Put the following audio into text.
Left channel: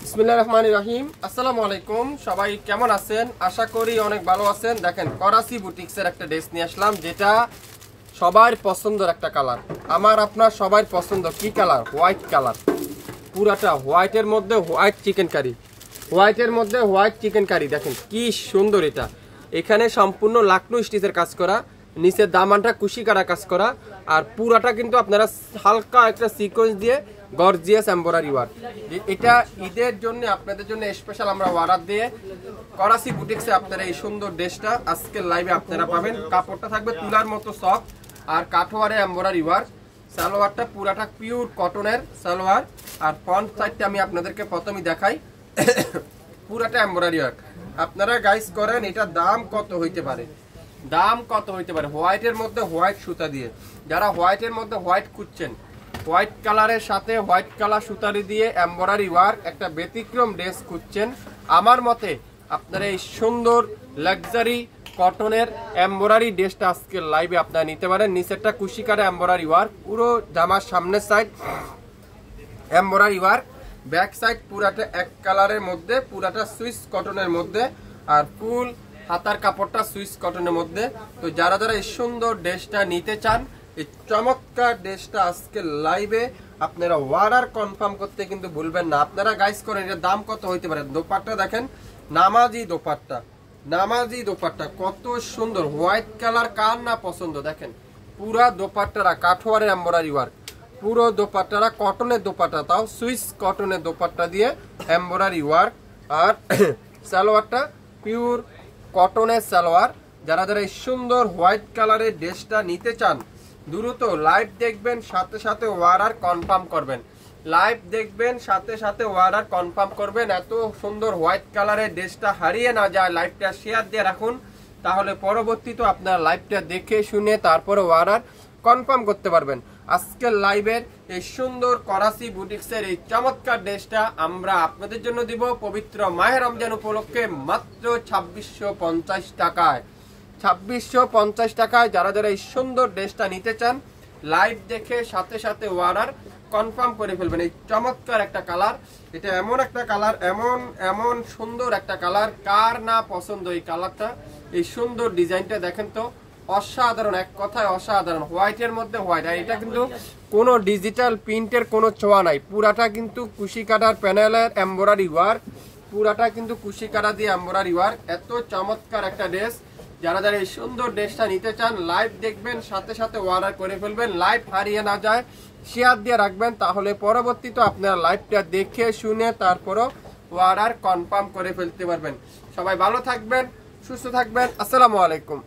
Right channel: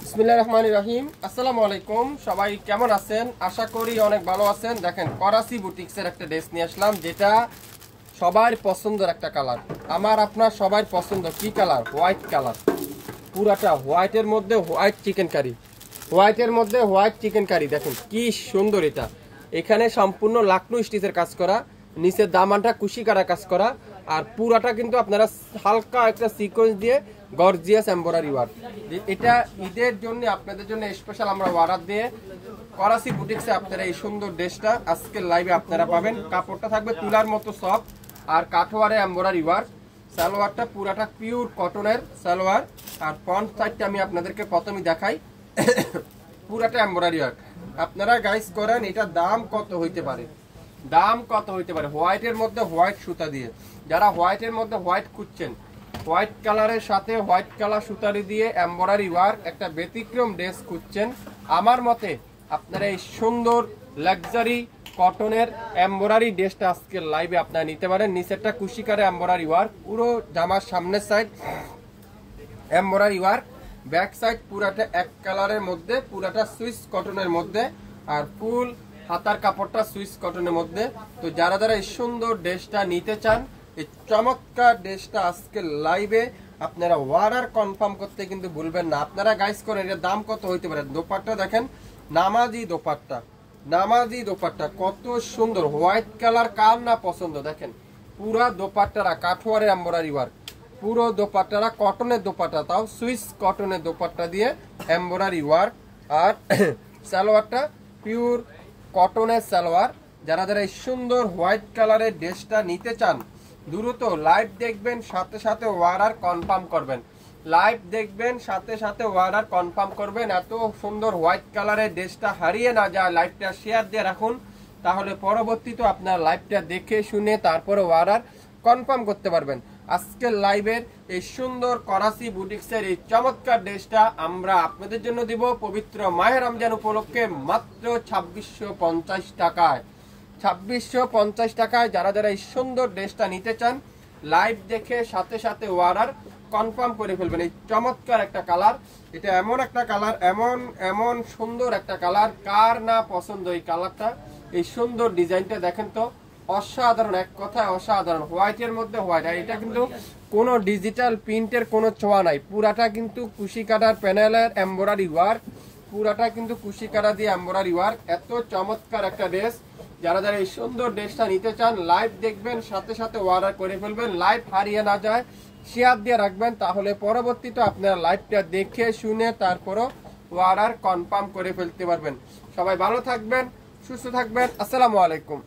বিসমিল্লাহির রহমানির রহিম। আসসালামু আলাইকুম, সবাই কেমন আছেন? আশা করি অনেক ভালো আছেন। দেখেন করাচি বুটিক্সের একটা ড্রেস নিয়ে আসলাম, যেটা সবার পছন্দের একটা কালার। আমার আপনার সবার পছন্দ কি কালার? White colour. পুরাটা হোয়াইটের মধ্যে হোয়াইট চিকেন কারি, হোয়াইটের মধ্যে হোয়াইট চিকেন কারি। দেখেন কি সুন্দর এটা। এখানে সম্পূর্ণ লাকনো স্টিচের কাজ করা, নিচের দামানটা কুশি কাটা কাজ করা, আর পুরাটা কিন্তু আপনারা হালকা একটা সিকোয়েন্স দিয়ে গর্জিয়াস এমব্রয়ডারি ওয়ার্ক। এটা ঈদের জন্য আপনাদের জন্য স্পেশাল আমরা অর্ডার দিয়ে করাচি বুটিক্সে আপনারা এই সুন্দর ড্রেসটা আজকের লাইভে আপনারা পাবেন। কাপড়টা থাকবে তুলার মতো সফট আর কাঠোয়ারে এমব্রয়ডারি ওয়ার্ক। সালোয়ারটা পুরাটা পিওর কটনের সালোয়ার, আর ফ্রন্ট সাইডটা আমি আপনাদেরকে প্রথমেই দেখাই। পুরাটা এমব্রয়ডারি ওয়ার্ক। আপনারা গাইস করেন, এটা দাম কত হইতে পারে? দাম কত হইতে পারে? হোয়াইটের মধ্যে হোয়াইট সুতা দিয়ে, যারা হোয়াইটের মধ্যে হোয়াইট খুঁজছেন, হোয়াইট কালারের সাথে হোয়াইট কালার সুতারি দিয়ে এমব্রয়ডারি ওয়ার্ক একটা ব্যতিক্রম ড্রেস খুঁজছেন, আমার মতে আপনারা এই সুন্দর লাক্সারি কটনের এমব্রয়ডারি ড্রেসটা আজকে লাইভে আপনারা নিতে পারেন। নিচেরটা কুশি কাটা এমব্রয়ডারি ওয়ার্ক, পুরো জামার সামনের side embroidery work, back side পুরাটা এক কালারের মধ্যে, পুরাটা সুইস কটনের মধ্যে, আর ফুল হাতার কাপড়টা সুইস কটনের মধ্যে। তো যারা যারা এই সুন্দর ড্রেসটা নিতে চান, এই চমৎকার ড্রেসটা আজকে লাইভে আপনারা অর্ডার কনফার্ম করতে কিন্তু ভুলবেন না। আপনারা গাইস করেন, এর দাম কত হইতে পারে? দোপাট্টা দেখেন, নামাজি দোপাট্টা, নামাজি দোপাট্টা কত সুন্দর, হোয়াইট কালার কার না পছন্দ? দেখেন পুরা দোপাট্টারা কাঠোয়ারের এমব্রয়ডারি ওয়ার্ক, পুরো দোপাট্টারা কটনের দোপাট্টা, তাও সুইস কটনের দোপাট্টা দিয়ে এমব্রয়ডারি ওয়ার্ক, আর সালোয়ারটা পিওর কটনের সালোয়ার। যারা যারা এই সুন্দর হোয়াইট কালারের ড্রেসটা নিতে চান, দ্রুত লাইভ দেখবেন, সাথে সাথে অর্ডার কনফার্ম করবেন। লাইভ দেখবেন, সাথে সাথে অর্ডার কনফার্ম করবেন। এত সুন্দর হোয়াইট কালারের ড্রেসটা হারিয়ে না যায়, লাইভটা শেয়ার দিয়ে রাখুন, তাহলে পরবর্তীতে আপনার লাইভটা দেখে শুনে তারপরে অর্ডার কনফার্ম করতে পারবেন। আজকের লাইভের এই সুন্দর করাচি বুটিক্সের এই চমৎকার ড্রেসটা আমরা আপনাদের জন্য দিব পবিত্র মাহে রমজান উপলক্ষে মাত্র 2650 টাকায়। 2650 টাকায় যারা যারা এই সুন্দর ড্রেসটা নিতে চান, লাইভ দেখে সাথে সাথে অর্ডার কনফার্ম করে ফেলবেন। এই চমৎকার একটা কালার, এটা এমন একটা কালার, এমন এমন সুন্দর একটা কালার, কার না পছন্দ এই কালারটা? এই সুন্দর ডিজাইনটা দেখেন তো, অসাধারণ, এক কথায় অসাধারণ। হোয়াইটের মধ্যে হোয়াইট, আর এটা কিন্তু কোনো ডিজিটাল প্রিন্টের কোনো ছোঁয়া নাই, পুরাটা কিন্তু কুশি কাটার প্যানেলের এমব্রয়ডারি ওয়ার্ক, পুরাটা কিন্তু কুশি কাটা দিয়ে এমব্রয়ডারি ওয়ার্ক। এত চমৎকার একটা ড্রেস, যারা যারা এই সুন্দর ড্রেসটা নিতে চান, লাইভ দেখবেন, সাথে সাথে অর্ডার করে ফেলবেন। লাইভ হারিয়ে না যায়, শেয়ার দিয়ে রাখবেন, তাহলে পরবর্তীতে আপনারা লাইভটা দেখে শুনে তারপরও অর্ডার কনফার্ম করে ফেলতে পারবেন। সবাই ভালো থাকবেন, সুস্থ থাকবেন। আসসালামু আলাইকুম।